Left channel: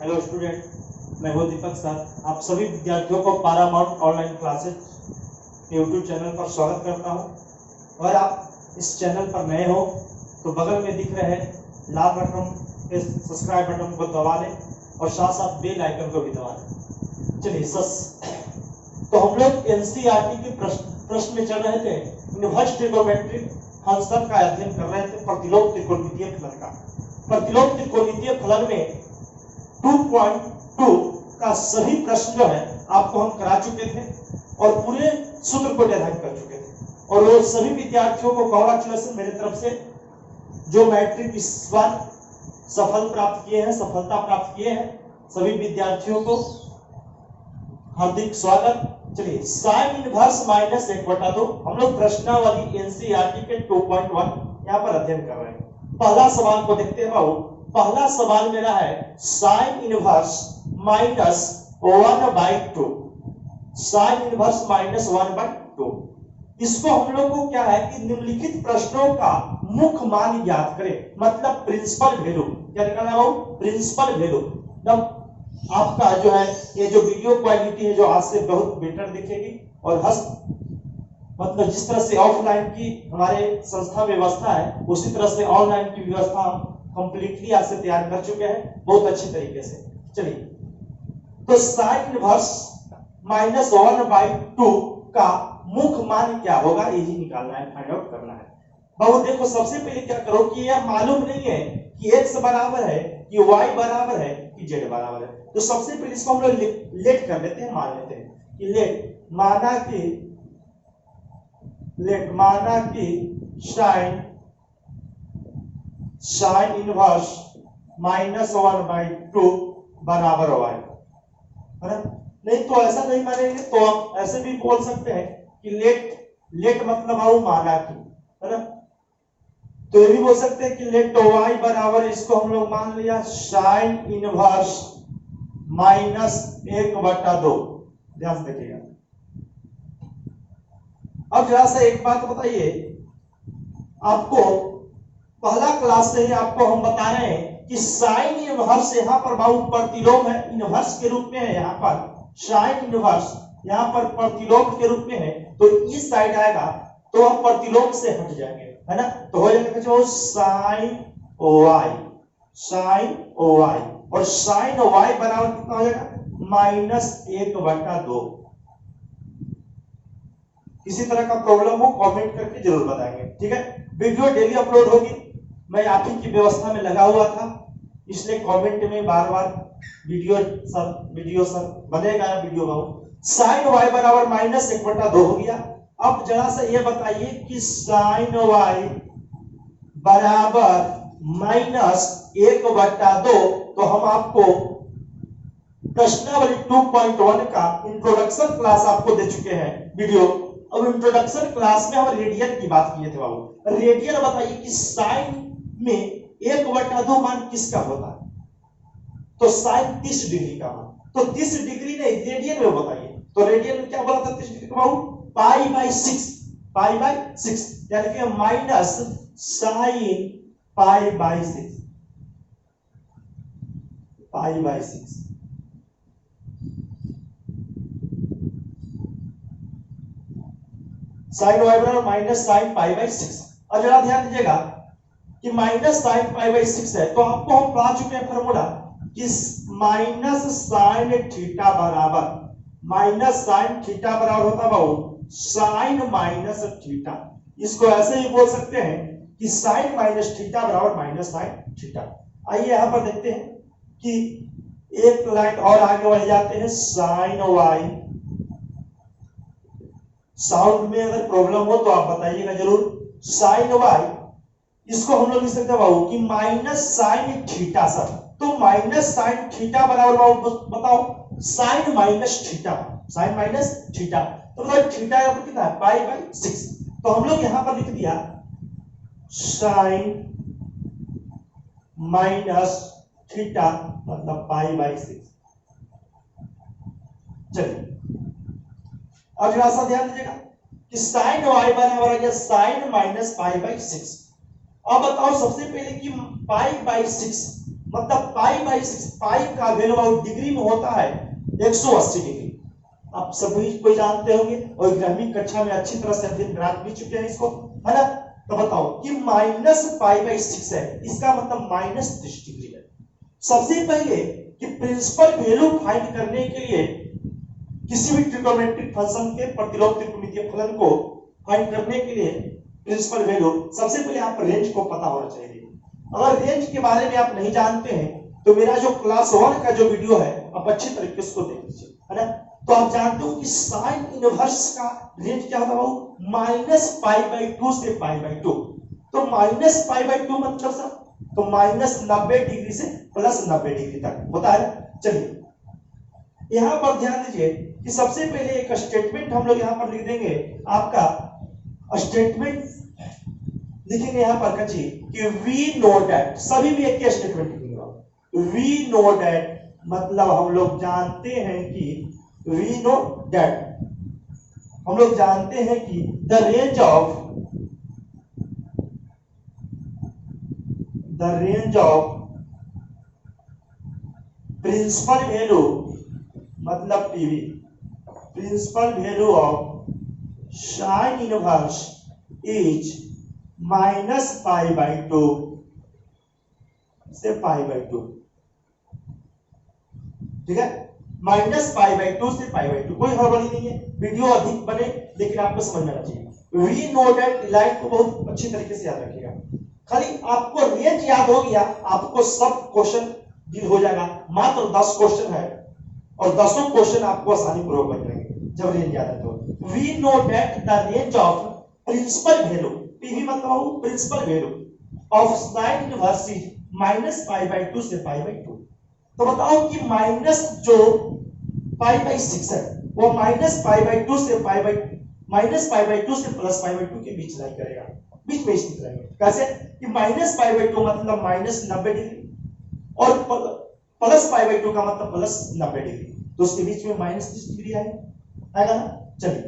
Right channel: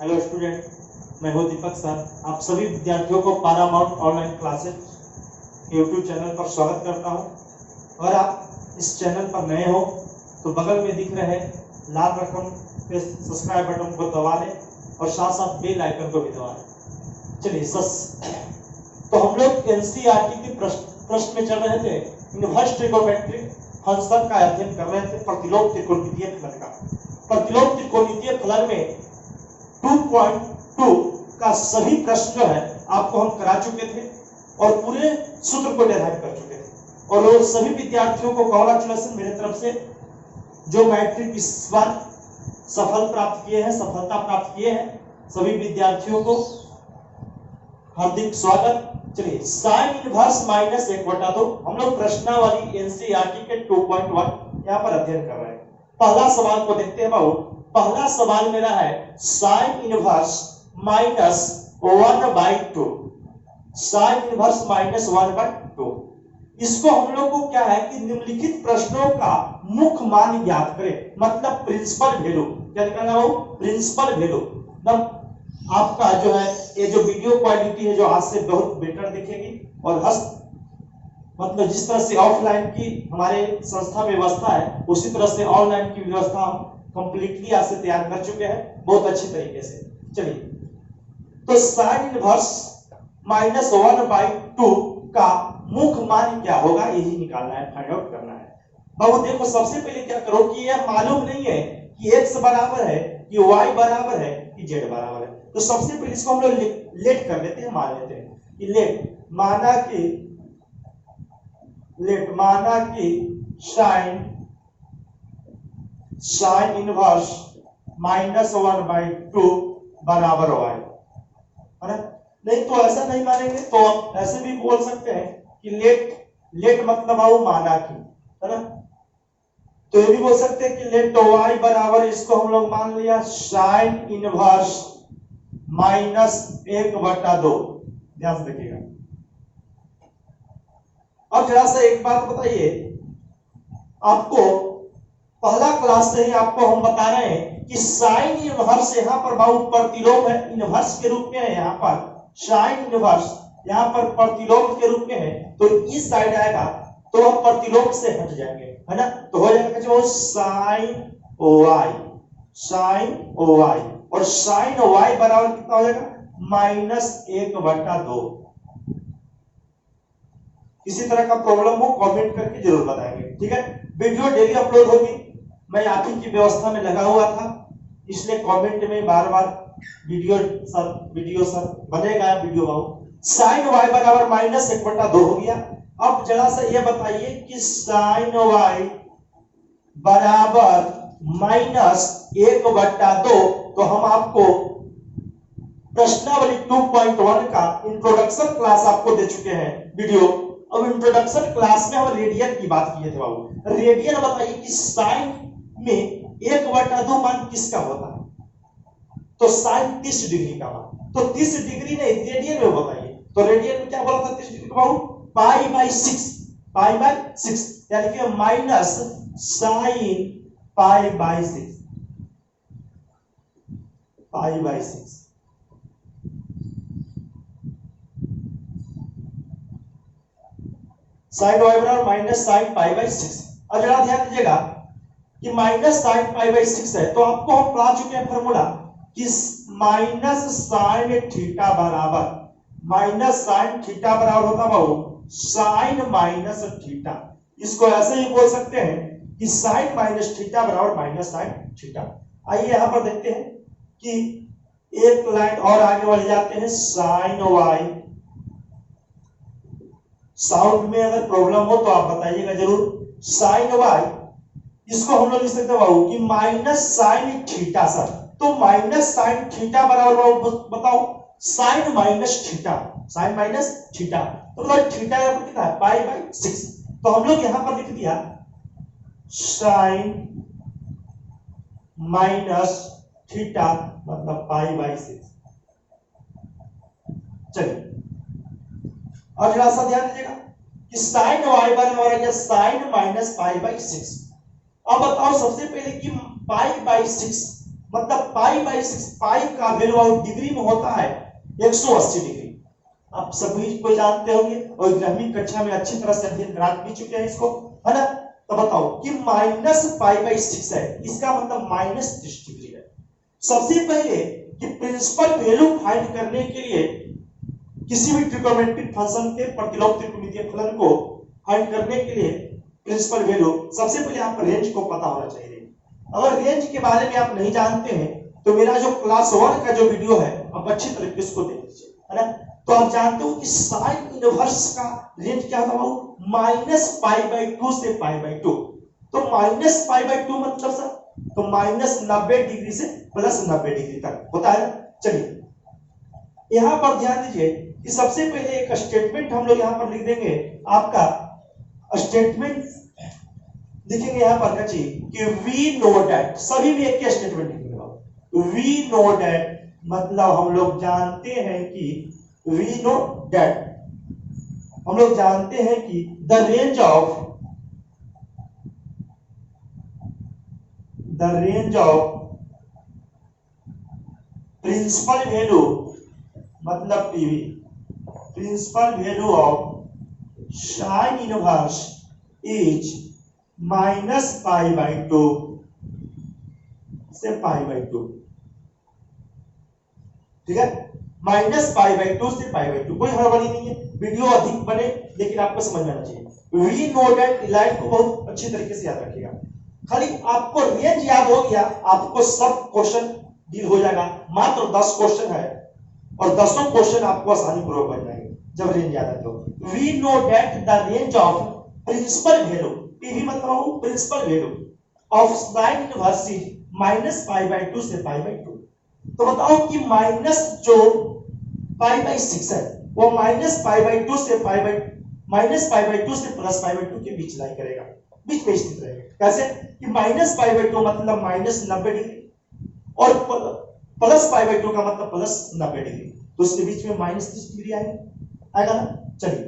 Hello student, मैं हूं दीपक sir. आप सभी विद्यार्थियों को Paramount online classes YouTube channel पर स्वागत करता हूं। अगर आप इस चैनल पर नए हो तो बगल में दिख रहे लाल रकम पे सब्सक्राइब बटन को दबा लें और साथ साथ बेल आइकन को भी दबा लें। चलिए तो हम लोग एनसीईआरटी के प्रश्न में चल रहे थे। इनवर्स ट्रिगोनोमेट्रिक फंक्शन का अध्ययन कर रहे थे, प्रतिलोम त्रिकोणमितीय फलन का। प्रतिलोम त्रिकोणमितीय फलन में 2.2 का सभी प्रश्न जो है आपको हम करा चुके थे और पूरे सूत्र को डिराइव कर चुके थे। और वो सभी विद्यार्थियों को कांग्रेचुलेशन मेरे तरफ से, जो मैट्रिक इस बार सफलता प्राप्त किए हैं, सभी विद्यार्थियों को हार्दिक स्वागत। चलिए, साइन इनवर्स माइनस 1/2 हम लोग प्रश्नावली एनसीईआरटी के 2.1 यहाँ पर अध्ययन कर रहे हैं। पहला सवाल को देखते हैं बाबू। पहला सवाल मेरा है sine inverse minus 1/2। Sine inverse minus 1/2। इसको हम लोग को क्या है कि निम्नलिखित प्रश्नों का मुख्य मान ज्ञात करें, मतलब प्रिंसिपल वैल्यू। क्या निकालना है? Principal value. मतलब आपका जो है ये जो वीडियो क्वालिटी है जो आज से बहुत बेटर दिखेगी और मतलब जिस तरह से ऑफलाइन की हमारे संस्था व्यवस्था है उसी तरह से ऑनलाइन की व्यवस्था हम कंप्लीटली आज से तैयार कर चुके हैं बहुत अच्छी तरीके से। चलिए, तो साइन इनवर्स माइनस 1/2 का मुख्य मान क्या होगा यही निकालना है, फाइंड आउट करना है। बाबू देखो, सबसे पहले क्या करो कि यह मालूम नहीं है कि x बराबर है कि y बराबर है कि z बराबर है। तो सबसे पहले इसको हम लोग लेट कर लेते हैं, मान लेते हैं कि लेट माना कि साइन इनवर्स माइनस 1/2 बराबर y है ना। नहीं तो ऐसा नहीं मानेंगे तो हम ऐसे भी बोल सकते हैं कि लेट मतलब आओ माना कि, है ना। तो ये भी बोल सकते हैं कि लेट y बराबर, इसको हम लोग मान लिया साइन इनवर्स माइनस 1/2। ध्यान से देखिएगा। अब जरा सा एक बात बताइए, आपको पहला क्लास से ही आपको हम बता रहे हैं कि साइन इनवर्स यहाँ पर बाबू प्रतिलोम है, इनवर्स के रूप में है। यहाँ पर साइन इनवर्स यहाँ पर प्रतिलोम के रूप में है, तो इस साइड आएगा तो हम प्रतिलोम से हट जाएंगे, है ना। तो हो जाएगा जो साइन y और साइन y बराबर कितना हो जाएगा? -1/2। किसी तरह का प्रॉब्लम हो कमेंट करके जरूर बताएंगे, ठीक है। वीडियो डेली अपलोड होगी, मैं आप ही की व्यवस्था में लगा हुआ था, इसलिए कमेंट में बार बार वीडियो सर बनेगा वीडियो बाबू। साइन y बराबर -1/2 हो गया। अब जरा सा ये बताइए कि साइन y बराबर -1/2, तो हम आपको प्रश्नावली 2.1 का इंट्रोडक्शन क्लास आपको दे चुके हैं वीडियो। अब इंट्रोडक्शन क्लास में हम रेडियन की बात किए थे बाबू। रेडियन बताइए कि साइन में 1/2 मान किसका होता है? तो साइन 30 डिग्री का मान, तो 30 डिग्री नहीं रेडियन में बताइए। तो रेडियन में क्या बोला था 30 डिग्री का बाबू? π/6, यानी कि माइनस साइन π/6, साइन y बराबर माइनस साइन π/6। अब जरा ध्यान दीजिएगा कि माइनस साइन π/6 है, तो आपको हम पढ़ा चुके हैं फॉर्मूला कि माइनस साइन थीटा बराबर होता बाबू साइन माइनस थीटा। इसको ऐसे ही बोल सकते हैं कि साइन माइनस थीटा बराबर माइनस साइन थीटा। आइए यहां पर देखते हैं कि एक लाइन और आगे बढ़ जाते हैं। साइन y, साउंड में अगर प्रॉब्लम हो तो आप बताइएगा जरूर। साइन y, इसको हम लोग लिख सकते हैं बाबू कि माइनस साइन थीटा सर। तो माइनस साइन थीटा बराबर बाबू बताओ साइन माइनस थीटा, तो थीटा कितना है? π/6। तो हम लोग यहां पर लिख दिया साइन माइनस थीटा मतलब π/6। चलिए, अब जरा सा ध्यान दीजिएगा कि साइन y बराबर है साइन माइनस π/6। अब बताओ सबसे पहले कि π/6 मतलब पाई बाई 6, पाई का वैल्यू आउट डिग्री में होता है 180 डिग्री। आप सभी को जानते होंगे और 11वीं कक्षा में अच्छी तरह से दिन रात भी चुके हैं इसको, है ना। तो बताओ कि माइनस पाई बाई 6 है, इसका मतलब माइनस 30 डिग्री है। सबसे पहले कि प्रिंसिपल वैल्यू फाइंड करने के लिए किसी भी ट्रिग्नोमेट्रिक फंक्शन के प्रतिलोम त्रिकोणमितीय फलन को फाइंड करने के लिए प्रिंसिपल वैल्यू सबसे पहले आप रेंज को पता होना चाहिए। अगर रेंज के बारे में आप नहीं जानते हैं तो मेरा जो क्लास 1 का जो वीडियो है आप अच्छी तरीके से उसको देख लीजिए, है ना। तो आप जानते हो कि साइन इनवर्स का रेंज क्या होता है, माइनस पाई बाई 2 से पाई बाई 2। तो माइनस पाई बाई 2 मतलब सर तो माइनस 90 डिग्री से प्लस 90 डिग्री तक होता है ना। चलिए यहां पर ध्यान दीजिए कि सबसे पहले एक स्टेटमेंट हम लोग यहां पर लिख देंगे। आपका स्टेटमेंट लिखेंगे यहां पर कची कि वी नो दैट, सभी में एक स्टेटमेंट लिखेंगे। वी नो दैट मतलब हम लोग जानते हैं कि वी नो दैट हम लोग जानते हैं कि the range of principal value मतलब PV, principal value of sine inverse is minus pi by 2 से पाई बाई 2। ठीक है, माइनस पाई बाई 2 से पाई बाई 2, कोई हड़बड़ी नहीं है। वीडियो अधिक बने लेकिन आपको समझ में आना चाहिए। वी नो दैट लाइन को बहुत अच्छी तरीके से याद रखिएगा। खाली आपको रेंज याद हो गया, आपको सब क्वेश्चन डील हो जाएगा। मात्र 10 क्वेश्चन है और 10 क्वेश्चन आपको आसानी पूर्वक बन जाएंगे जब रेंज याद है तो। We know that the range of principal value, PV मतलब principal value of sine inverse is minus pi by 2 से पाई बाई 2। तो बताओ कि माइनस जो पाई बाई 6 है वो माइनस पाई बाई 2 से pi by minus pi by 2 से प्लस पाई बाई 2 के बीच लाई करेगा, बीच में स्थित रहेगा। कैसे कि माइनस पाई बाई 2 मतलब माइनस 90 डिग्री और प्लस पाई बाई 2 का मतलब प्लस 90 डिग्री, तो उसके बीच में माइनस 30 डिग्री आएगा ना। चलिए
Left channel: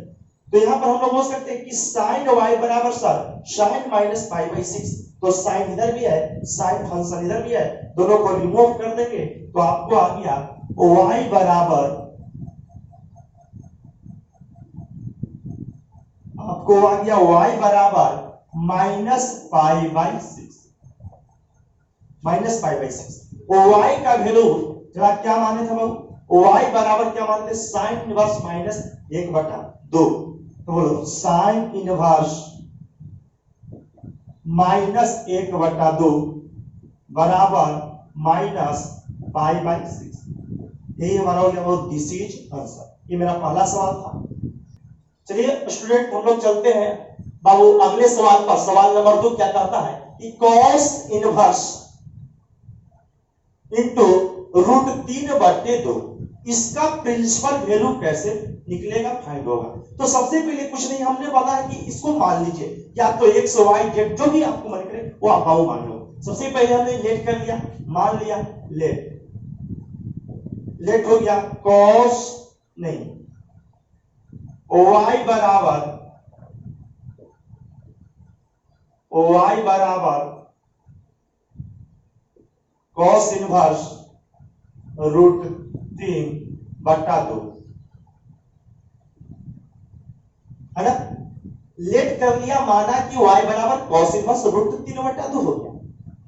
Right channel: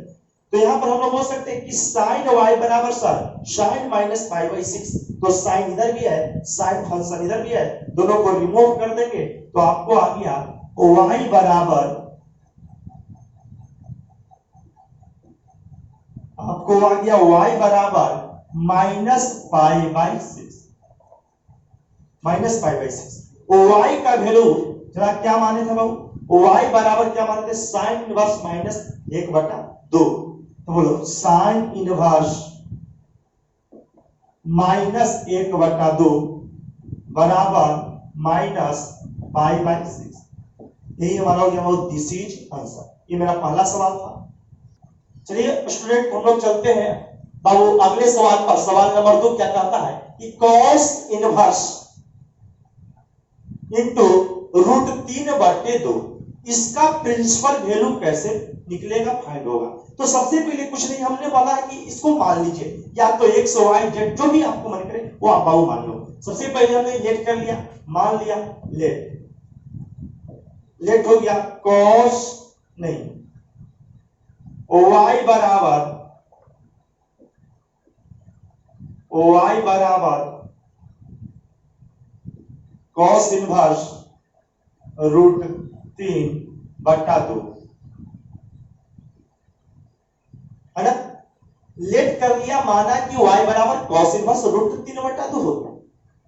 तो यहां पर हम लोग बोल सकते हैं कि साइन y बराबर सर साइन माइनस पाई बाई 6, तो साइन इधर भी है साइन फंक्शन इधर भी है, दोनों को रिमूव कर देंगे तो आपको आ गया y बराबर, आपको आ गया y बराबर minus pi by 6, minus pi by 6। y का वैल्यू जरा क्या माने थे बाबू, y बराबर क्या माने थे साइन इनवर्स माइनस 1/2। तो बोलो साइन इनवर्स माइनस 1/2 बराबर माइनस पाई बाई 6। यही हमारा हो गया दिस इज आंसर। ये मेरा पहला सवाल था। चलिए स्टूडेंट हम लोग चलते हैं बाबू अगले सवाल पर। सवाल नंबर 2 क्या कहता है कि cos इनवर्स इनटू √3/2 इसका प्रिंसिपल वैल्यू कैसे निकलेगा, फाइंड होगा। तो सबसे पहले कुछ नहीं, हमने बोला है कि इसको मान लीजिए या तो x y z जो भी आपको मन करे वो आप बाबू मान लो। सबसे पहले हमने लेट कर लिया, मान लिया लेट हो गया cos नहीं y बराबर cos इनवर्स √3/2 है ना। लेट कर लिया, माना कि y बराबर cos इनवर्स √3/2 हो गया।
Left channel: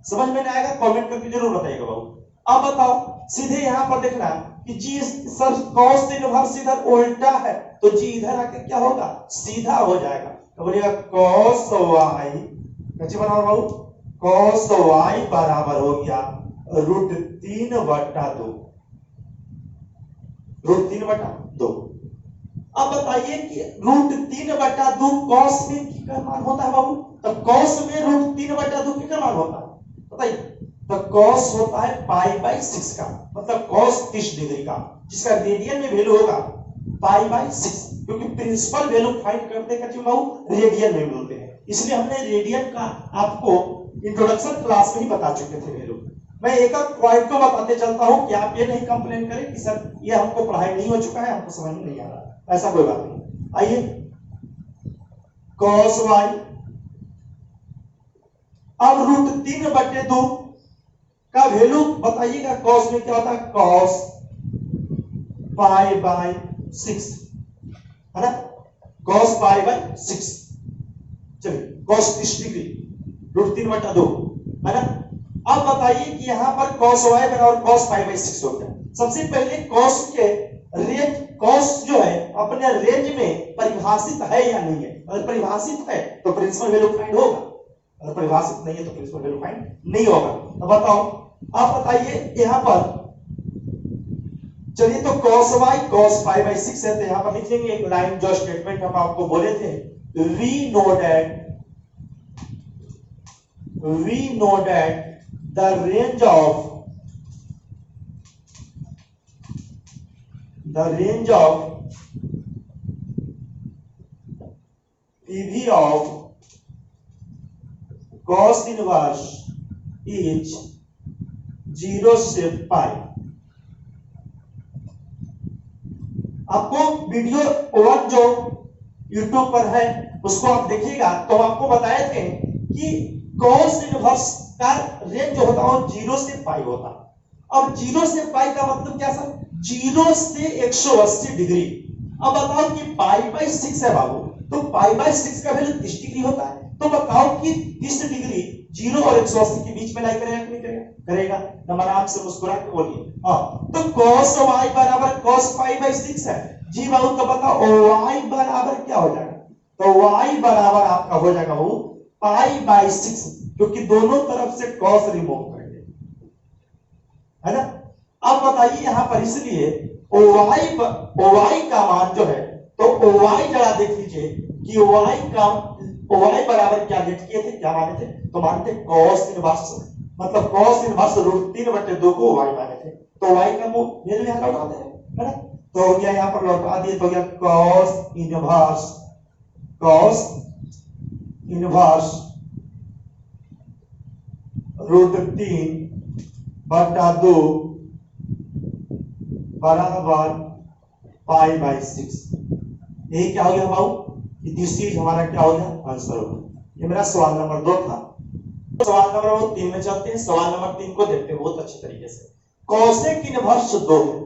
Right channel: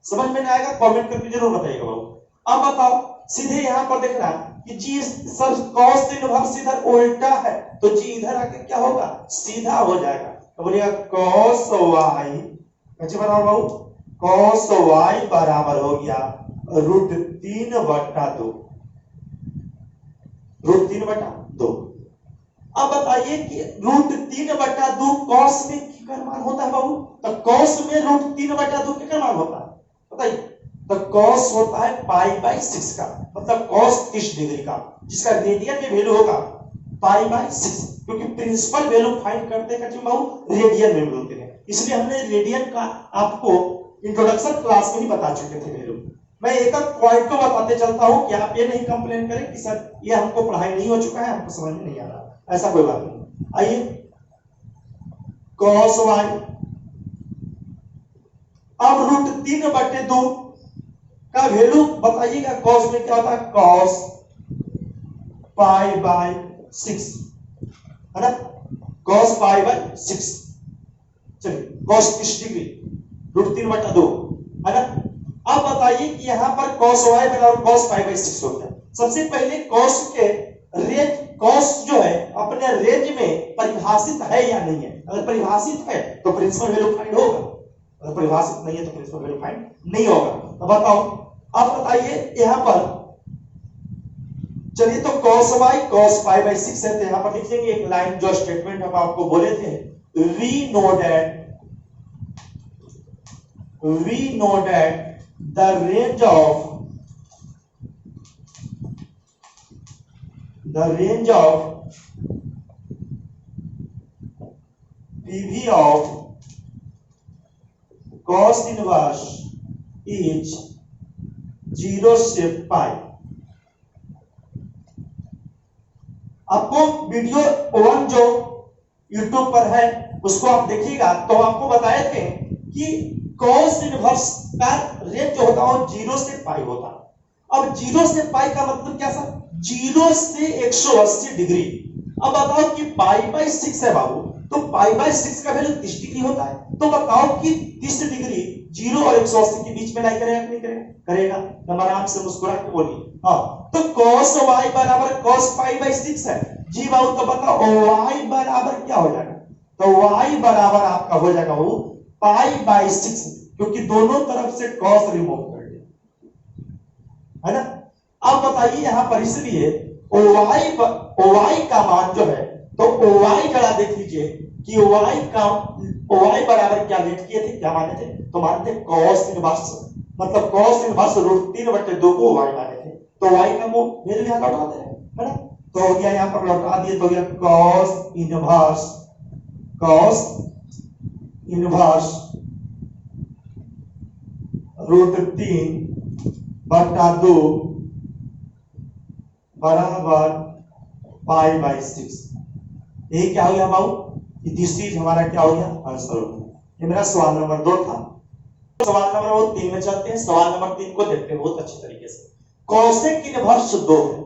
समझ में नहीं आएगा कमेंट करके जरूर बताइएगा बाबू। अब बताओ सीधे यहां पर देखना कि जी सर cos इनवर्स इधर उल्टा है तो जी इधर आके क्या होगा सीधा हो जाएगा। तो बोलिएगा cos y कैसे बराबर बाबू, cos y बराबर हो गया √3/2। अब बताइए कि √3/2 cos में कितना मान होता है बाबू, तो cos में √3/2 कितना मान होता है बताइए। तो cos होता है पाई बाई 6 का, मतलब cos 30 डिग्री का, जिसका रेडियन में वैल्यू होगा पाई बाई 6, क्योंकि प्रिंसिपल वैल्यू फाइंड करते हैं बाबू रेडियन में मिलते हैं, इसलिए हमने रेडियन का आपको इंट्रोडक्शन क्लास में ही बता चुके थे वैल्यू। मैं एक पॉइंट को बताते चलता हूं कि आप ये नहीं कंप्लेन करें कि सर ये हमको पढ़ाई नहीं हो चुका है, हमको समझ में नहीं आ रहा, ऐसा कोई बात नहीं। आइए cos y अब √3/2 का वैल्यू बताइएगा। कॉस में क्या होता है, कॉस पाई बाय 6 है ना, कॉस पाई बाय 6। चलिए कॉस 30 डिग्री √3/2 है ना। अब बताइए कि यहां पर cos y बराबर cos पाई बाय 6 हो गया। सबसे पहले cos के रेंज, cos जो है अपने रेंज में परिभाषित है या नहीं है। अगर परिभाषित है तो प्रिंसिपल वैल्यू फाइंड होगा, अगर परिभाषित नहीं है तो प्रिंसिपल वैल्यू फाइंड नहीं होगा। तो बताओ आप बताइए यहां पर, चलिए तो cos y cos pi by 6 है, तो यहां पर लिख देंगे एक लाइन जो स्टेटमेंट हम आपको बोले थे, we know that the range of PV of cos inverse is 0 से पाई। आपको वीडियो 1 जो YouTube पर है उसको आप देखिएगा, तो आपको बताए थे कि cos इनवर्स का रेट जो होता है वो 0 से पाई होता है। अब 0 से पाई का मतलब क्या सर, 0 से 180 डिग्री। अब बताओ कि पाई बाय 6 है बाबू, तो पाई बाय 6 का वैल्यू 30 डिग्री होता है। तो बताओ कि 30 डिग्री 0 और 180 के बीच में लाई करेगा नहीं करेगा, करेगा। नंबर आराम से मुस्कुरा के बोलिए। हाँ, तो cos y बराबर cos पाई बाय 6 है जी बाबू। तो बताओ y बराबर क्या हो जाएगा, तो y बराबर आपका हो जाएगा वो पाई बाय 6, क्योंकि दोनों तरफ से cos रिमूव कर दिया है ना। अब बताइए यहां पर, इसलिए y का मान जो है, तो y जरा देख लीजिए कि y बराबर क्या लेट किए थे, क्या माने थे, तो मानते cos इनवर्स, मतलब cos इनवर्स √3/2 को y माने थे। तो y का वैल्यू यहां लौटा दे है ना, तो हो गया यहां पर लौटा दिए, तो हो गया cos इनवर्स √3/2 बराबर पाई बाय 6। ये क्या हो गया बाबू, दिस चीज हमारा क्या हो गया, आंसर हो गया। ये मेरा सवाल नंबर 2 था। सवाल नंबर 3 में चलते हैं। सवाल नंबर 3 को देखते हैं बहुत अच्छे तरीके से। कोसेक इनवर्स 2 है,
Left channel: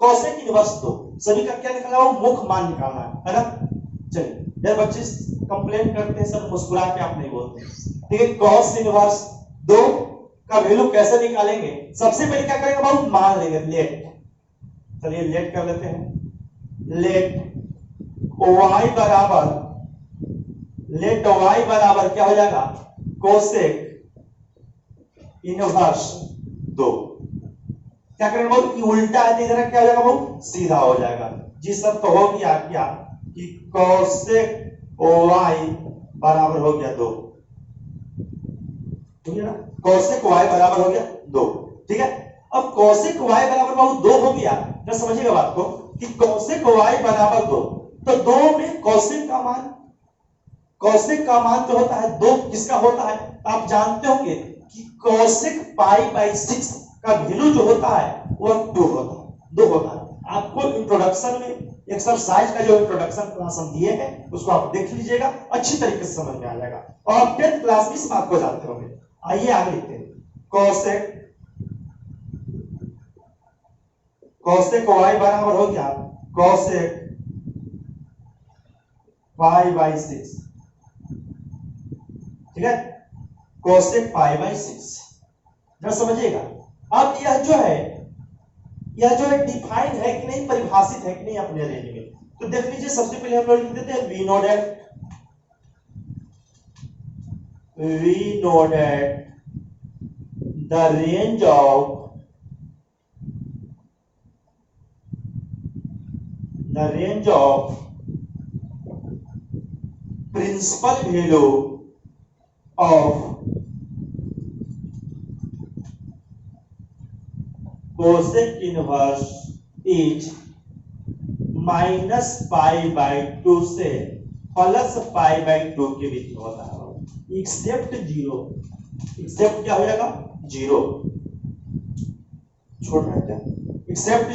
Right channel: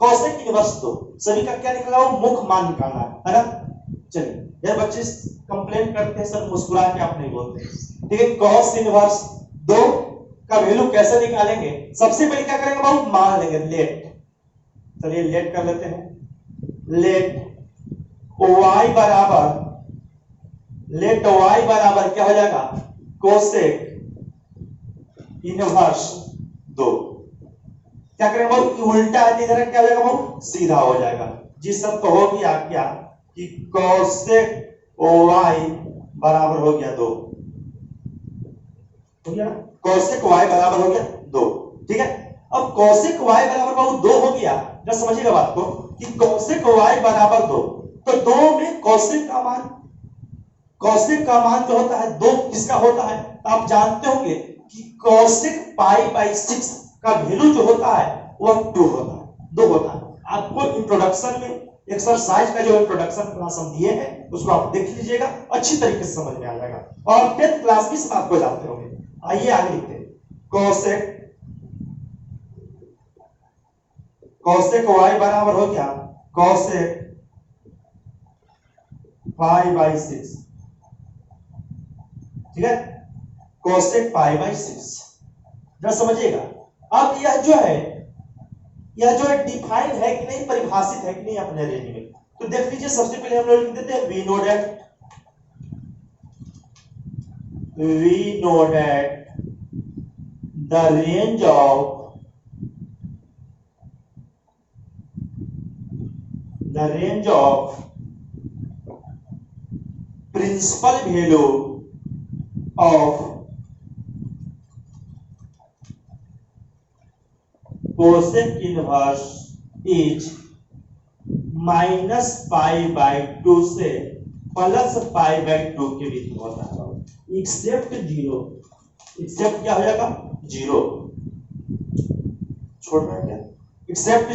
कोसेक इनवर्स 2 सभी का क्या निकला, वो मुख्य मान निकालना है ना। चलिए यार बच्चे कंप्लेन करते हैं सर मुस्कुरा के आप नहीं बोलते, ठीक है। cos इनवर्स 2 का वैल्यू कैसे निकालेंगे, सबसे पहले क्या करेंगे बाबू, मान लेंगे लेट। चलिए लेट कर लेते हैं, लेट y बराबर क्या हो जाएगा, कोसेक इनवर्स 2। क्या करेंगे बाबू, उल्टा है इधर क्या हो जाएगा बाबू, सीधा हो जाएगा। जी सर, तो हो गया क्या कि कोसेक y बराबर हो गया 2, ठीक है ना, कोसेक y बराबर हो गया 2, ठीक है। अब कोसेक y बराबर बाबू 2 हो गया, जरा समझिएगा बात को कि कोसेक y बराबर 2, तो 2 में कोसेक का मान जो होता है 2 किसका होता है, आप जानते होंगे कि कोसेक पाई बाय 6 का वैल्यू जो होता है वो 2 होता है। आपको इंट्रोडक्शन में एक्सरसाइज का जो इंट्रोडक्शन क्लास हम दिए हैं उसको आप देख लीजिएगा, अच्छी तरीके से समझ में आ जाएगा। और 10th क्लास भी आपको जानते होंगे। आइए आगे लिखते हैं, कोसेक y बराबर हो गया कोसेक पाई बाय 6, ठीक है, कोसेक पाई बाय 6। जरा समझिएगा। अब यह जो है डिफाइंड है कि नहीं, परिभाषित है कि नहीं अपने रेंज में, तो देख लीजिए। सबसे पहले हम लोग लिख देते हैं we know that the range of principal value of cosec inverse is -π/2 से +π/2 के बीच में होता है, एक्सेप्ट 0। एक्सेप्ट क्या हो जाएगा, 0 छोड़ रहा है क्या, एक्सेप्ट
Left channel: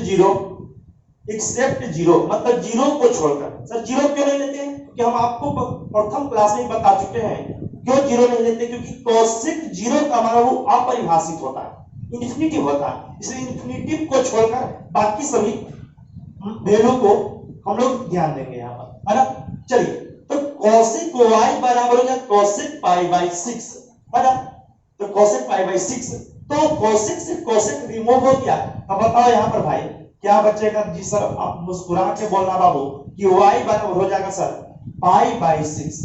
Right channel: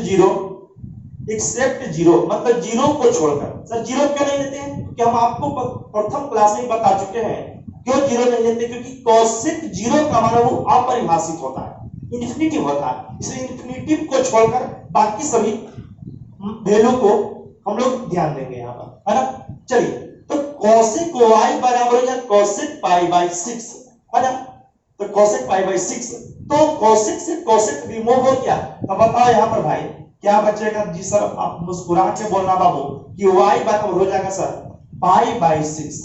0 मतलब 0 को छोड़कर। सर 0 क्यों नहीं लेते हैं, क्योंकि हम आपको प्रथम क्लास में बता चुके हैं क्यों 0 नहीं लेते, क्योंकि कोसेक 0 का मान वो अपरिभाषित होता है। इन्फिनिटिव होता है, इसलिए इन्फिनिटिव को छोड़कर बाकी सभी वैल्यू को हम लोग ध्यान देंगे यहाँ पर, है ना। चलिए, तो cosec y बराबर हो जाए cosec पाई बाई 6, है ना। तो cosec पाई बाई 6, तो cosec से cosec रिमूव हो गया। अब बताओ यहाँ पर भाई क्या बचेगा? जी सर, आप मुस्कुरा के बोलना बाबू कि y बराबर हो जाएगा sir pi by 6,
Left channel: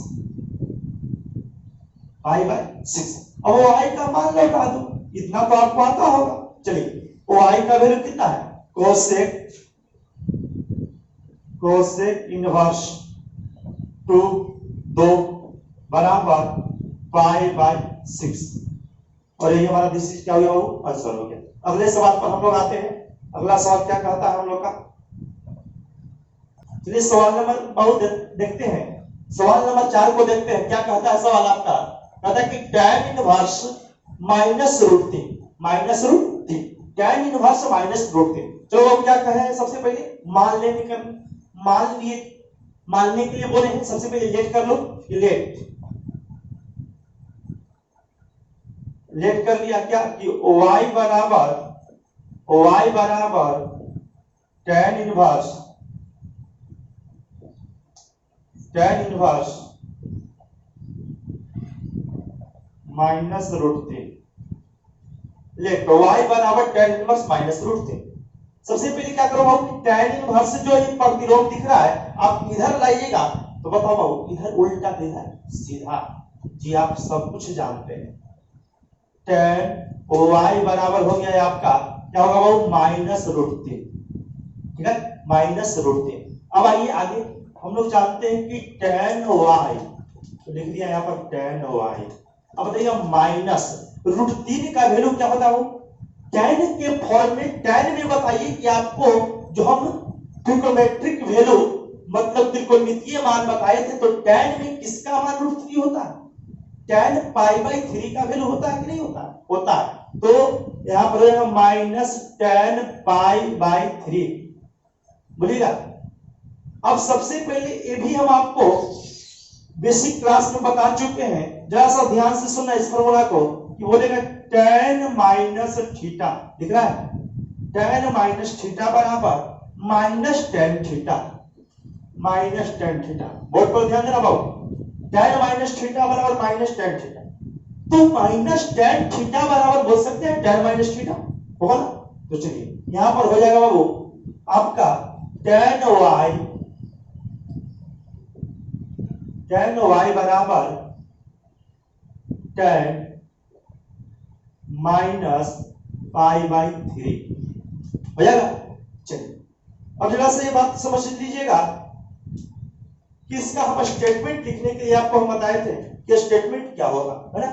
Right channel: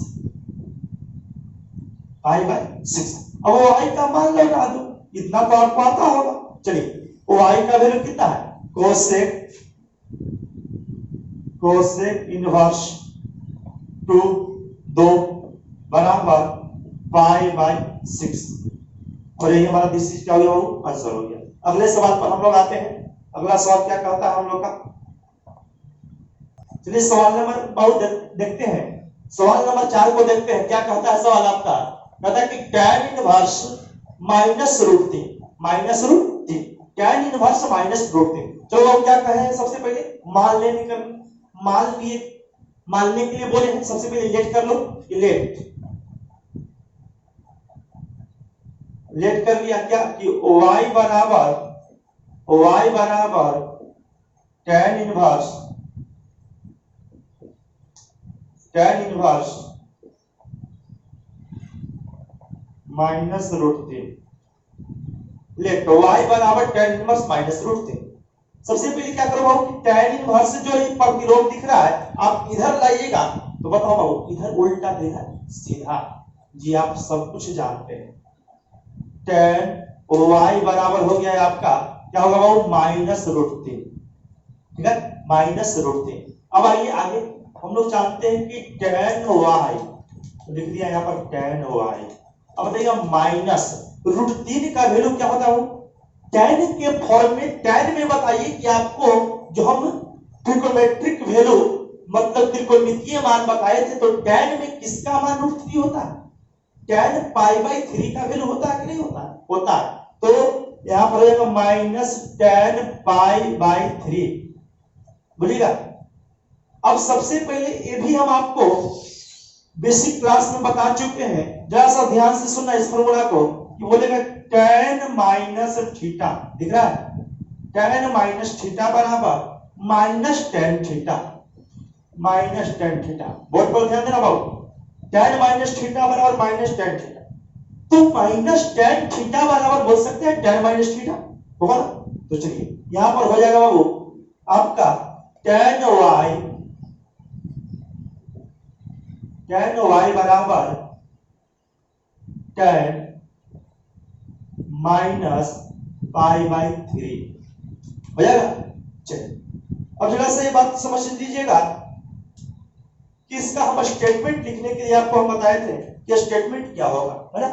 pi by 6। अब y का मान लगा दो, इतना तो आपको आता होगा। चलिए, y का वैल्यू कितना है? कोसेक इनवर्स 2 बराबर पाई बाई 6, और यही हमारा दिस क्या हो गया? वो आंसर हो गया। अगले सवाल पर हम लोग आते हैं। अगला सवाल क्या कहता है हम लोग का? चलिए सवाल नंबर बहुत देखते हैं, सवाल नंबर 4 को देखते हैं। क्या कहता है सवाल आपका? कहता है कि tan inverse minus root 3, minus root 3, tan inverse minus root 3। चलो क्या कहे? सबसे पहले मान लेने कर, मान लिए, मानने के लिए बोले हैं। सबसे पहले लेट कर लो, लेट कर लिया क्या कि y बराबर tan inverse minus root 3, let y बराबर tan इनवर्स माइनस रूट 3। सबसे पहले क्या करो बाबू, tan इनवर्स जो ये प्रतिरोध दिख रहा है आप इधर लाइएगा, तो बताओ बाबू इधर उल्टा इधर सीधा। जी आप सब कुछ जानते हैं। tan y बराबर हो गया है आपका, क्या होगा बाबू? माइनस रूट 3, ठीक है, माइनस रूट 3। अब आइए आगे, हम लोग जानते हैं कि tan y, तो लिख दिया यहाँ पर tan y। अब बताइएगा माइनस रूट 3 का वैल्यू क्या होता है? tan के फॉर्म में, tan में बताइए कि आपको जो हम ट्रिग्नोमेट्रिक वैल्यू मतलब त्रिकोणमितीय मान बताए थे, तो tan में किसका मान रूट 3 होता है? tan पाई बाई 3 का वैल्यू होता है कि नहीं होता? होता है। तो यहां पर रहेगा माइनस tan पाई बाई 3, बोलिएगा। अब सबसे पहले ये भी हम आपको बेसिक क्लास में बता चुके हैं, जरा सा ध्यान से सुनना इस फॉर्मूला को, कि बोलेगा tan माइनस थीटा, दिख रहा है? tan माइनस थीटा बराबर minus tan theta, minus tan theta. Board पर ध्यान देना बाबू, tan माइनस थीटा बराबर माइनस tan थीटा। तो माइनस tan थीटा बराबर बोल सकते हैं tan माइनस थीटा, होगा ना। तो चलिए यहां पर हो जाएगा बाबू आपका tan y बराबर tan माइनस पाई बाई 3 हो जाएगा। चलिए अब जरा से ये बात समझ लीजिएगा कि इसका हम स्टेटमेंट लिखने के लिए आपको हम बताए थे कि स्टेटमेंट क्या होगा, है ना।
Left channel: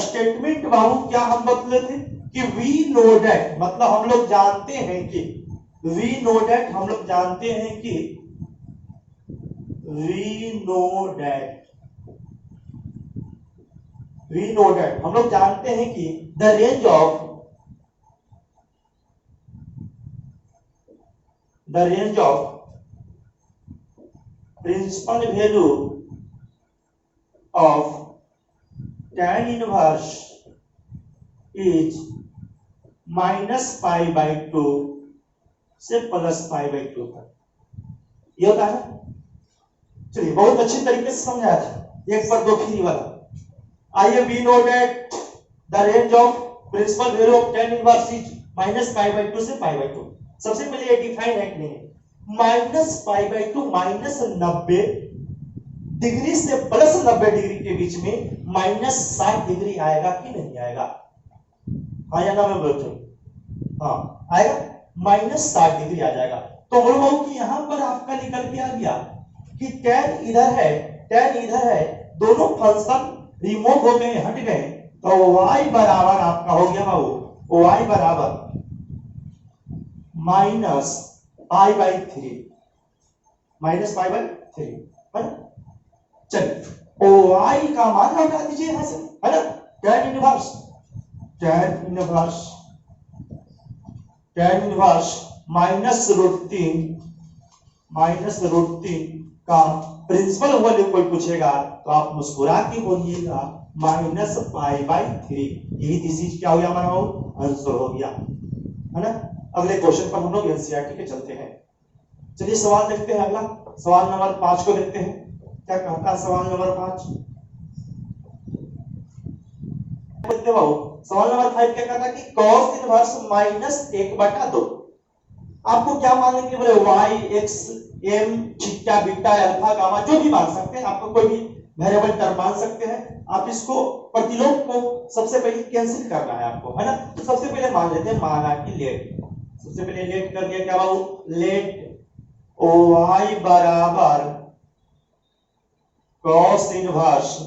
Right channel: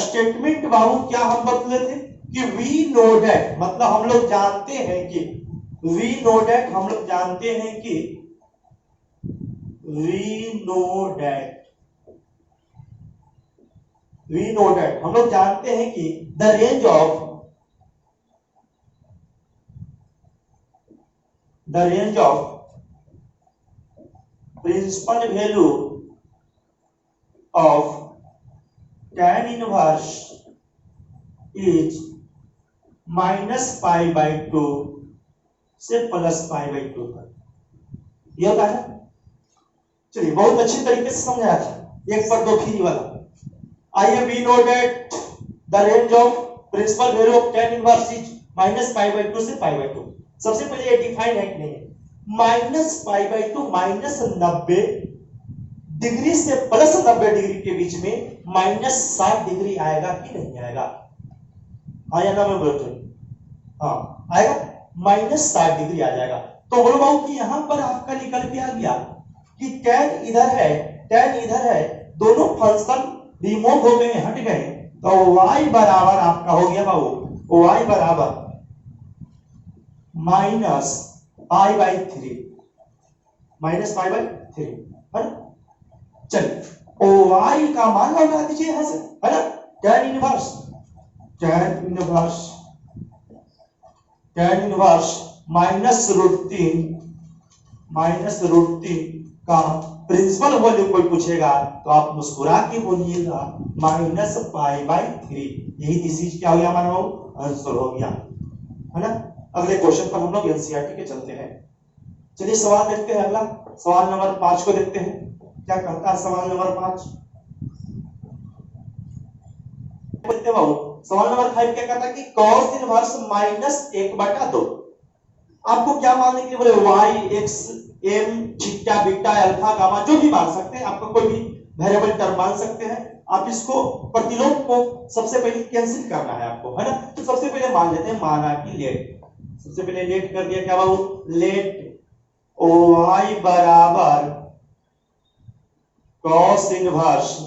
स्टेटमेंट बाबू क्या हम बतले थे कि वी नो दैट, मतलब हम लोग जानते हैं कि, वी नो दैट, हम लोग जानते हैं कि, वी नो दैट हम लोग जानते हैं कि the range of principal value of tan inverse is minus pi by 2 से प्लस पाई बाई 2 तक, ये होता है। चलिए बहुत अच्छी तरीके से समझाया था, एक पर दो फ्री वाला। आइए, we know that the range of principal value of tan inverse is minus pi by 2 से पाई बाई 2। सबसे पहले ये डिफाइन है कि नहीं है? Minus pi by 2 minus 90 degree से प्लस 90 डिग्री के बीच में माइनस 60 डिग्री आएगा कि नहीं आएगा? हाँ या ना में बोलते हैं? हाँ आएगा, माइनस 60 डिग्री आ जाएगा। तो बोलो बाबू कि यहां पर आपका निकल के आ गया कि tan इधर है, tan इधर है, दोनों फंक्शन रिमूव हो गए, हट गए, तो y बराबर आपका हो गया बाबू, y बराबर minus pi by 3, minus pi by 3, है ना। चलिए y का मान लगा दीजिए यहां से, है ना। tan इनवर्स माइनस रूट 3 का प्रिंसिपल वैल्यू कोई पूछेगा तो आप मुस्कुरा के बोलिएगा माइनस पाई बाई 3। यही दिस इज क्या हो गया हमारा बाबू? आंसर हो गया, है ना। अगले क्वेश्चन पर हम लोग एनसीईआरटी के चलते हैं। चलिए सवाल देखते हैं, अगला सवाल नंबर 5 को देखते हैं, क्या कहता है सवाल नंबर 5। देखते हो सवाल नंबर 5 क्या कहता है कि cos इनवर्स माइनस 1/2। आपको क्या मानने के लिए बोले, y x m theta beta alpha gamma जो भी मान सकते हैं, आपको कोई भी वेरिएबल टर्म मान सकते हैं। आप इसको प्रतिलोम को सबसे पहले कैंसिल करना है आपको, है ना। तो सबसे पहले मान लेते हैं, माना कि लेट, सबसे पहले लेट कर दिया, क्या बाबू, लेट y बराबर cos इनवर्स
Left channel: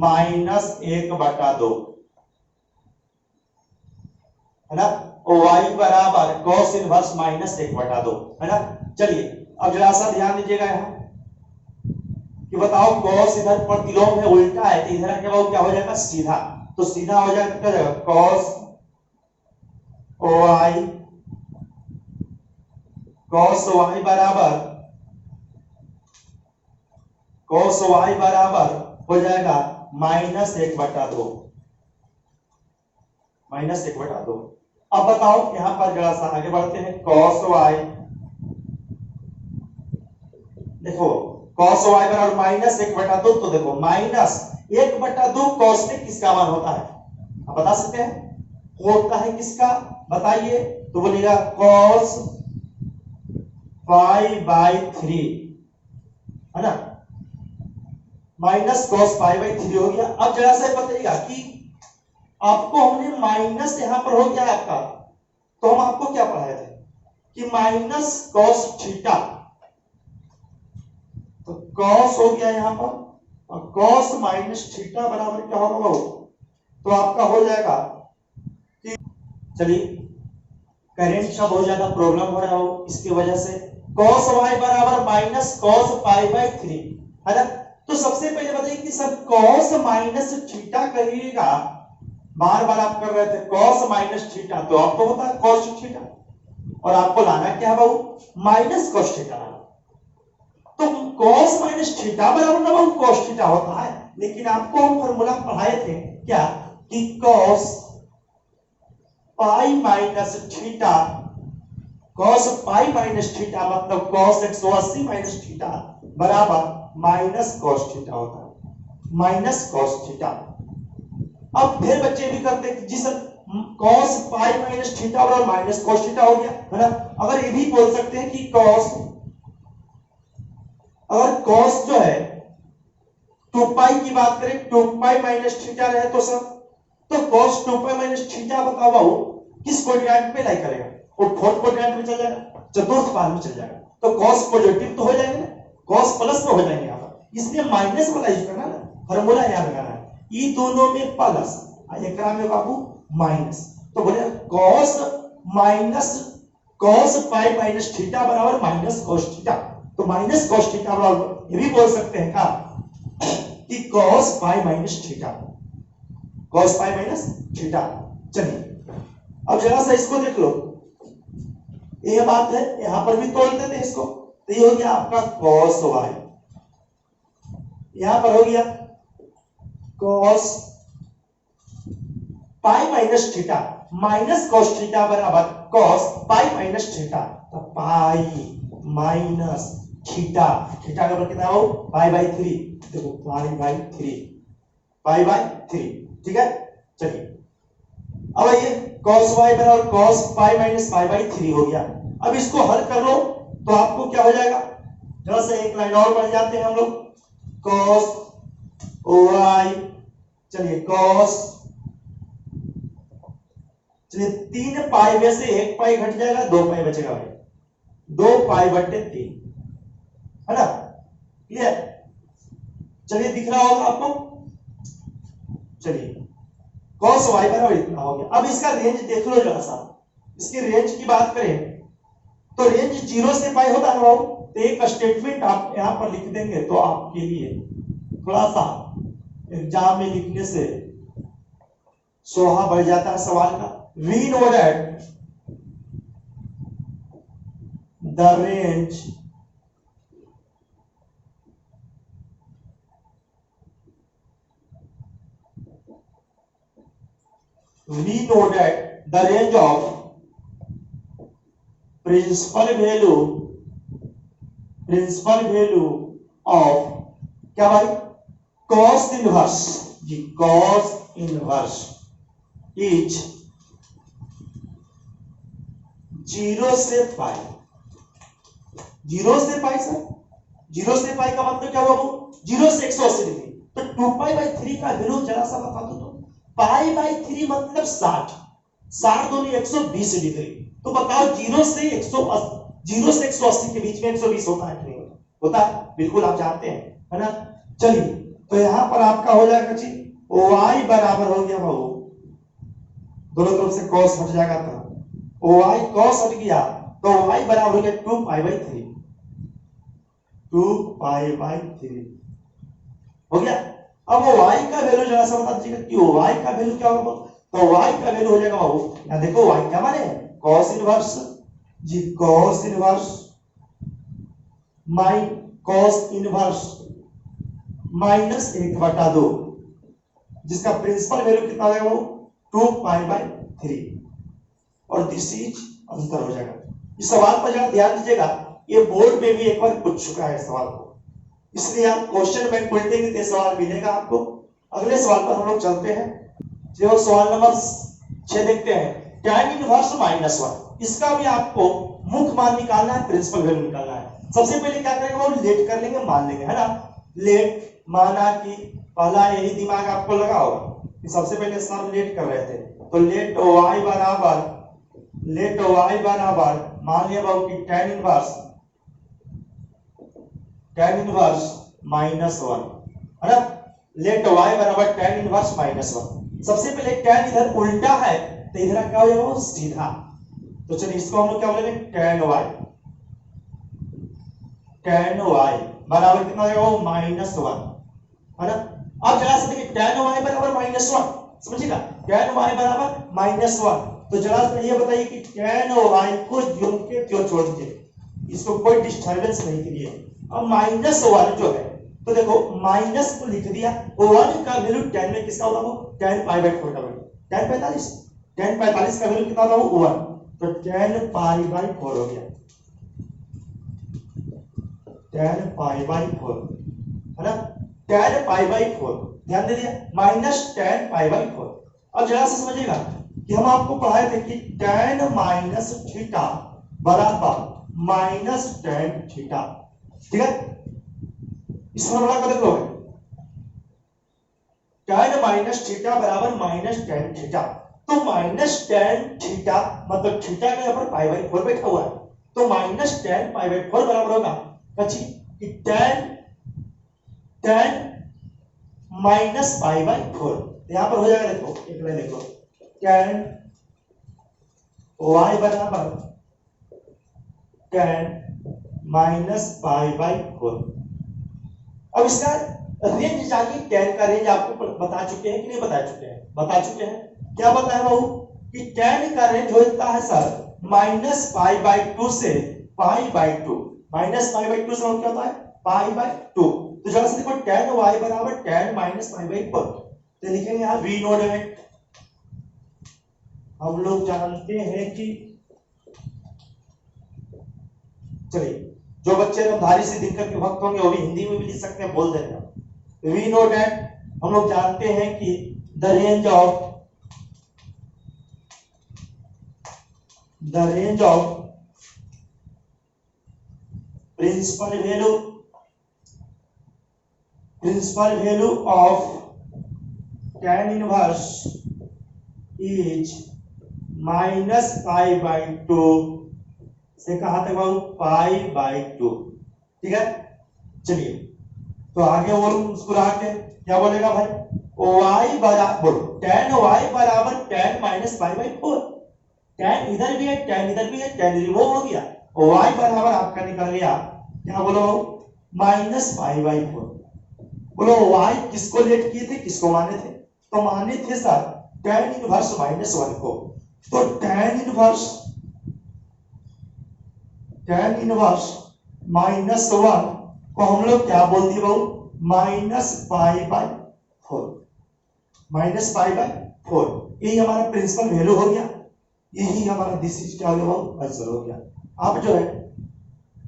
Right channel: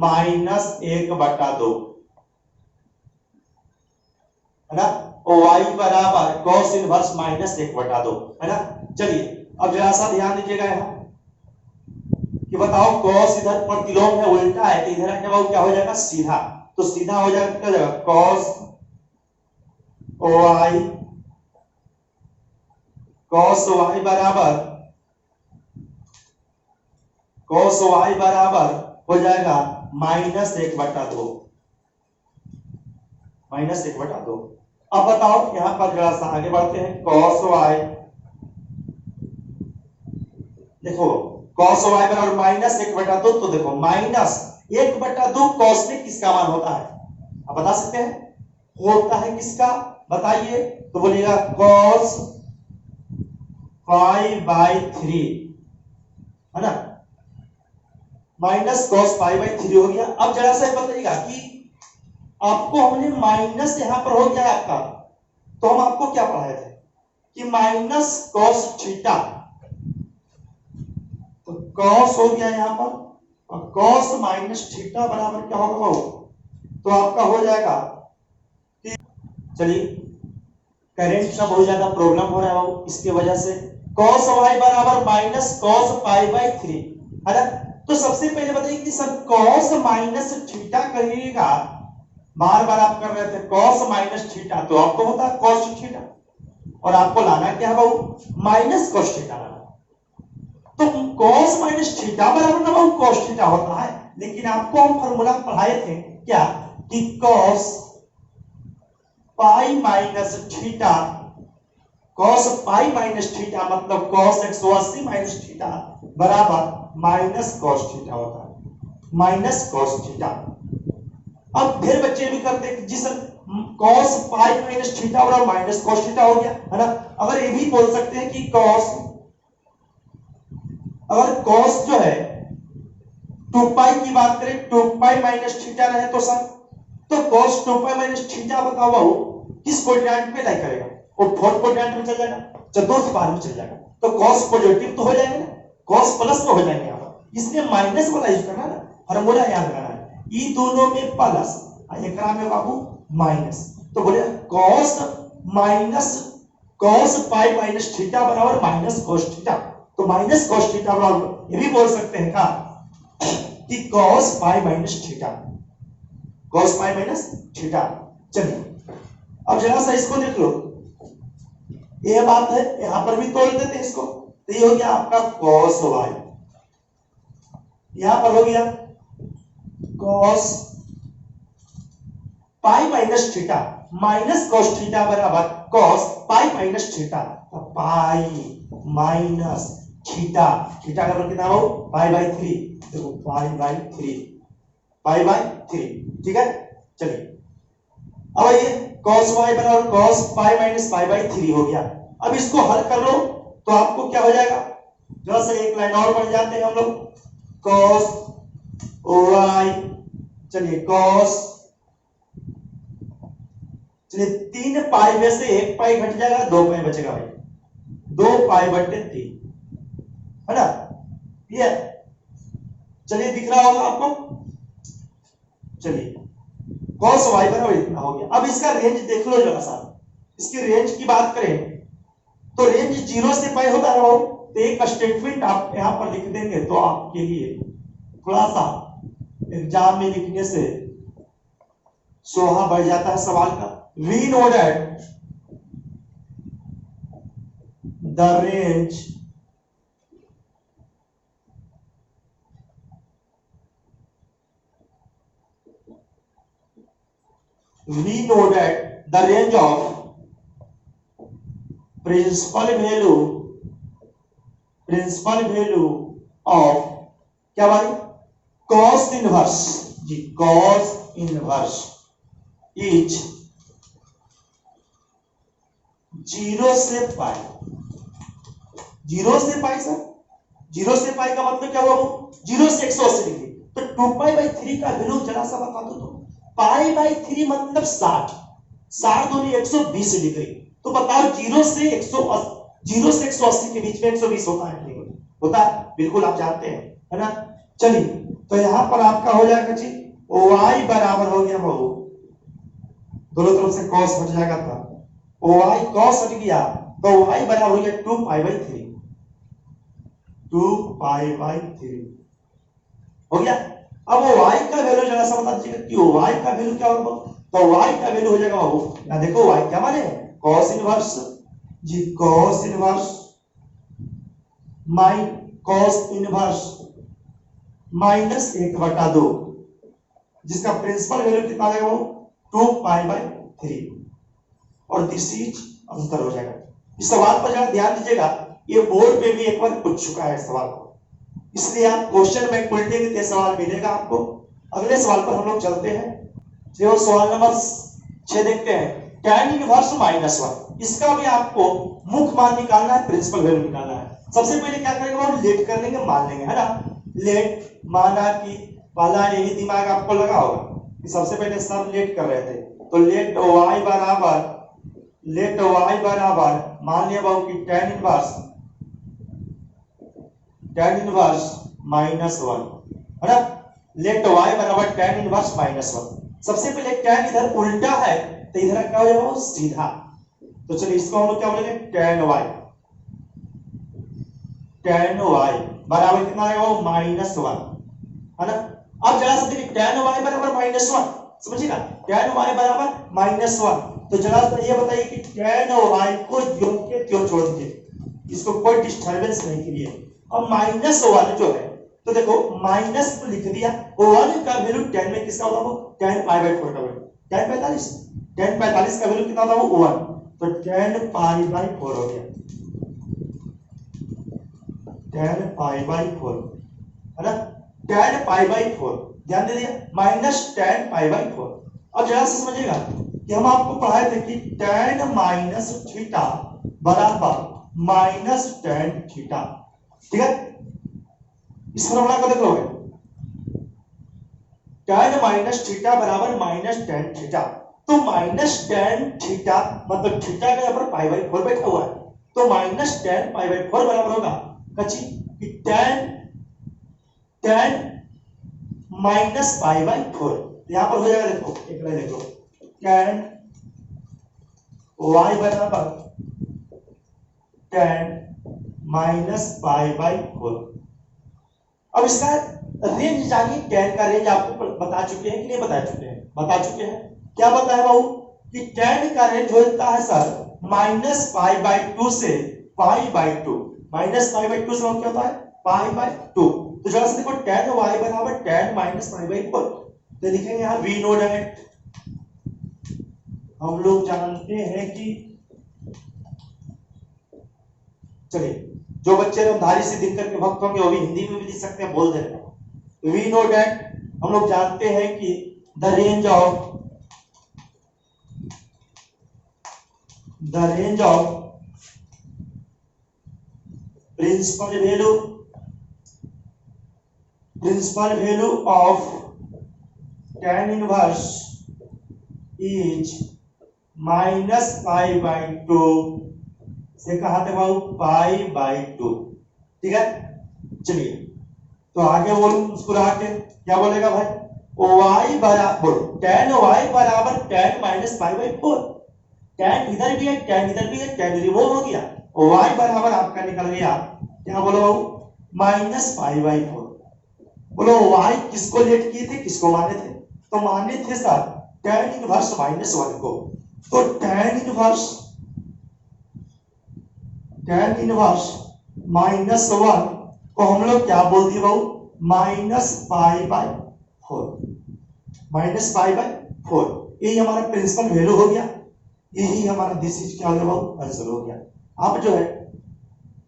माइनस 1/2, है ना। y बराबर cos इनवर्स माइनस 1/2, है ना। चलिए अब जरा सा ध्यान दीजिएगा यहाँ कि बताओ cos इधर प्रतिलोम है, उल्टा है, तो इधर क्या क्या हो जाएगा, सीधा। तो सीधा हो जाएगा, क्या जाएगा, cos y बराबर हो जाएगा -1/2, -1/2। अब बताओ यहां पर जरा सा आगे बढ़ते हैं, cos y, देखो cos y बराबर -1/2, तो देखो -1/2 cos में किसका मान होता है, आप बता सकते हैं, होता है किसका, बताइए। तो बोलिएगा cos π/3, है ना, माइनस cos π/3 हो गया। अब जरा सा बताइएगा कि आपको हमने माइनस यहां पर हो गया आपका, तो हम आपको क्या पढ़ाए थे कि माइनस cos थीटा, तो cos हो गया यहां पर, और cos माइनस थीटा बराबर क्या होगा, तो आपका हो जाएगा कि, चलिए करंट का बहुत ज्यादा प्रॉब्लम हो रहा है इसकी वजह से, cos y बराबर माइनस cos π/3, है ना। तो सबसे पहले बताइए कि सर cos माइनस थीटा करिएगा, बार बार आप कर रहे थे cos माइनस थीटा, तो आपको होता है cos थीटा, और आपको लाना क्या है बाबू, माइनस cos थीटा लाना। तो cos माइनस थीटा बराबर ना बाबू cos थीटा होता है, लेकिन आपको हम फॉर्मूला पढ़ाए थे क्या, कि cos pi minus theta, cos pi minus theta मतलब cos 180 माइनस थीटा बराबर माइनस cos थीटा होता है, माइनस cos थीटा। अब फिर बच्चे भी करते हैं जी sir cos pi minus theta बराबर माइनस cos थीटा हो गया, है ना। अगर ये भी बोल सकते हैं कि cos, अगर cos जो है 2 पाई की बात करें, 2 पाई माइनस थीटा रहे तो सर, तो cos 2 पाई माइनस थीटा बताओ बाबू किस कोऑर्डिनेट पे लाई करेगा, वो फोर्थ कोऑर्डिनेट में चल जाएगा, चतुर्थ पाद में चल जाएगा, तो cos पॉजिटिव तो हो जाएंगे ना, cos प्लस में हो जाएंगे यहां पर, इसलिए माइनस वाला यूज करना है, फार्मूला याद रखना है, ई दोनों में प्लस एकरा में बाबू माइनस, तो बोले cos minus cos pi minus theta बराबर माइनस cos थीटा, तो माइनस cos थीटा बराबर ये भी बोल सकते हैं का कि cos pi minus theta, cos pi minus theta. चलिए अब जरा सा इसको देख लो, ये बात है, यहां पर भी तोड़ देते हैं इसको, तो ये हो गया आपका cos y, यहां पर हो गया cos pi minus theta, minus cos theta बराबर cos पाई माइनस थीटा, तो पाई माइनस थीटा, थीटा का कितना हो π/3, देखो π/3, π/3, ठीक है। चलिए अब ये cos y बराबर cos पाई माइनस π/3 हो गया। अब इसको हल कर लो तो आपको क्या हो जाएगा, जरा से एक लाइन और बढ़ जाते हैं हम लोग, cos y, चलिए cos, चलिए 3 पाई में से 1 पाई घट जाएगा, 2 पाई बचेगा भाई, 2 π/3, है ना, ये चलिए दिख रहा होगा आपको। चलिए cos y बराबर इतना हो गया। अब इसका रेंज देख लो जरा सा, इसकी रेंज की बात करें तो रेंज 0 से पाई होता है, तो एक स्टेटमेंट आप यहां पर लिख देंगे तो आपके लिए थोड़ा सा एग्जाम में लिखने से शोभा बढ़ जाता है सवाल का। We know that the range we know that the range of principal value of क्या भाई कॉस इनवर्स जी, कॉस इनवर्स इज 0 से पाई। 0 से पाई सर, 0 से पाई का मतलब क्या हुआ वो 0 से 180 डिग्री। तो 2 पाई बाई 3 का वैल्यू जरा सा बता दो तो। पाई बाई 3 मतलब 60, 60 दूनी 120 डिग्री। तो बताओ 0 से 180 के बीच में 120 होता है नहीं होता? बिल्कुल आप जानते हैं, है ना। चलिए तो यहां पर आपका हो जाएगा जी y बराबर हो गया बहु, दोनों तरफ से cos हट जाएगा तो y cos हट गया तो y बराबर हो गया 2 पाई बाई 3, 2 पाई बाई 3 हो गया। अब वो y का वैल्यू जरा सा बता दीजिएगा कि y का वैल्यू क्या होगा। तो y का वैल्यू हो जाएगा बाबू, यहां देखो y क्या माने cos इनवर्स जी, cos इनवर्स माइनस 1/2, जिसका प्रिंसिपल वैल्यू कितना आएगा वो 2 पाई बाई 3 और दिस इज आंसर हो जाएगा। इस सवाल पर जरा ध्यान दीजिएगा, ये बोर्ड में भी एक बार पूछ चुका है सवाल को, इसलिए आप क्वेश्चन बैंक पलटे के सवाल मिलेगा आपको। अगले सवाल पर हम लोग चलते हैं, जो सवाल नंबर 6 देखते हैं। tan इनवर्स -1, इसका भी आपको मुख्य मान निकालना है, प्रिंसिपल वैल्यू निकालना है। सबसे पहले क्या करेंगे वो लेट कर लेंगे, मान लेंगे, है ना। लेट माना कि पहला यही दिमाग आपको लगा होगा कि सबसे पहले सर लेट कर रहे थे, तो लेट y बराबर मान लिया बाबू कि tan इनवर्स -1, है ना। लेट y बराबर tan इनवर्स -1। सबसे पहले tan इधर उल्टा है तो इधर क्या हो जाएगा वो सीधा। तो चलिए इसको हम लोग क्या बोलेंगे tan y बराबर कितना आएगा वो -1, है ना। अब जरा सा देखिए tan y बराबर -1, समझिएगा tan y बराबर -1। तो जरा सा ये बताइए कि tan y को ज्यों के त्यों छोड़ दीजिए, इसको कोई डिस्टरबेंस नहीं कीजिए। अब -1 जो है तो देखो माइनस को लिख दिया, 1 का वैल्यू tan में किसका होगा वो tan पाई बाई 4 का वैल्यू tan 45 का वैल्यू कितना होगा वो 1, तो tan पाई बाई 4 हो गया, tan पाई बाई 4, है ना। tan पाई बाई 4 ध्यान दे दिया, माइनस tan पाई बाई 4। अब जरा से समझिएगा कि हम आपको पढ़ाए थे कि tan माइनस थीटा बराबर माइनस tan थीटा, ठीक है। इस फॉर्मूला को देख लो, tan माइनस थीटा बराबर माइनस tan थीटा। तो माइनस tan थीटा मतलब थीटा का यहाँ पर पाई बाई 4 बैठा हुआ है, तो माइनस tan पाई बाई 4 बराबर होगा कची कि tan माइनस पाई बाई 4। यहां पर हो जाएगा, देखो एक बार देख लो, tan y बराबर tan माइनस पाई बाई 4। अब इसका रेंज जानिए, tan का रेंज आपको बता चुके हैं कि नहीं बता चुके हैं? बता चुके हैं। क्या बताया बाबू कि tan का रेंज होता है सर -π/2 से π/2। -π/2 से क्या होता है π/2। तो जरा से देखो tan y बराबर tan -π/4, तो लिखेंगे यहां वी नो दैट, हम लोग जानते हैं कि, चलिए जो बच्चे धारी से दिनकर के भक्त होंगे वो भी हिंदी में भी लिख सकते हैं, बोल देना। वी नो दैट, हम लोग जानते हैं कि the range of principal value of tan inverse is -π/2 से कहा तक बाबू π/2, ठीक है। चलिए तो आगे बोलो, मुस्कुरा के क्या बोलेगा भाई, y बराबर tan y बराबर tan -π/4। tan इधर भी है, tan इधर भी है, tan रिमूव हो गया, y बराबर आपका निकल गया क्या बोलो -π/4। बोलो y किसको लेट किए थे, किसको माने थे? तो माने थे सर tan इनवर्स -1 को। तो tan इनवर्स -1 को हम लोग क्या बोल दिए बाबू -π/4। -π/4 यही हमारा प्रिंसिपल वैल्यू हो गया। यही हमारा दिस इज क्या हो गया, आंसर हो गया। अब जो है